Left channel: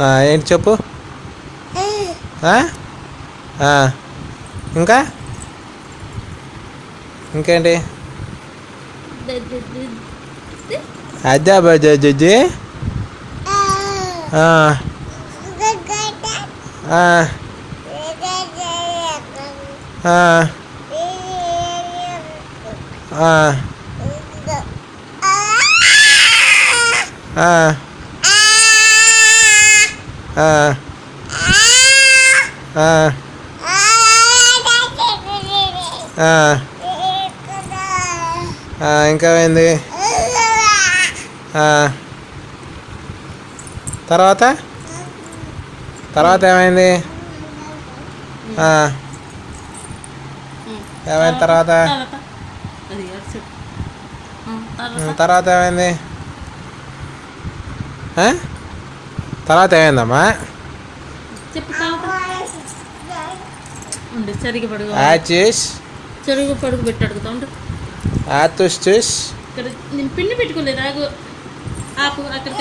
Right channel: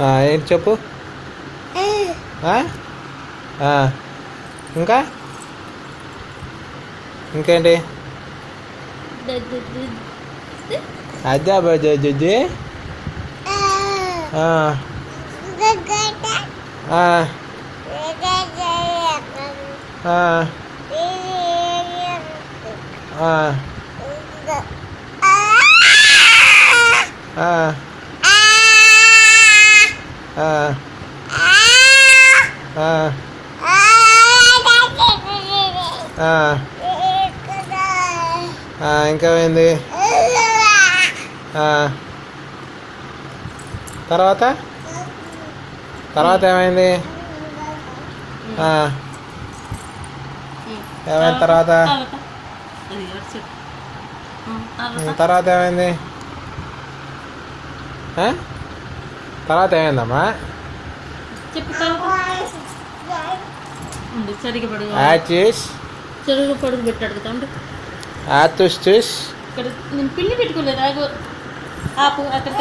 ఏంటి చెప్పు. ఇంకా ఇంకేంటి అదే అబ్బాయి ఇంకా ఏంది తర్వాత ఏమైంది ఏమైంది తర్వాత ఏమైంది తర్వాత ఏమైందమ్మా చెరుగు పడుగు పెట్టి అడుగుతాం ఆతుష్ ఇక్కడ నేను పిల్లి పెట్టుకోలేదు ఆపు అక్కడ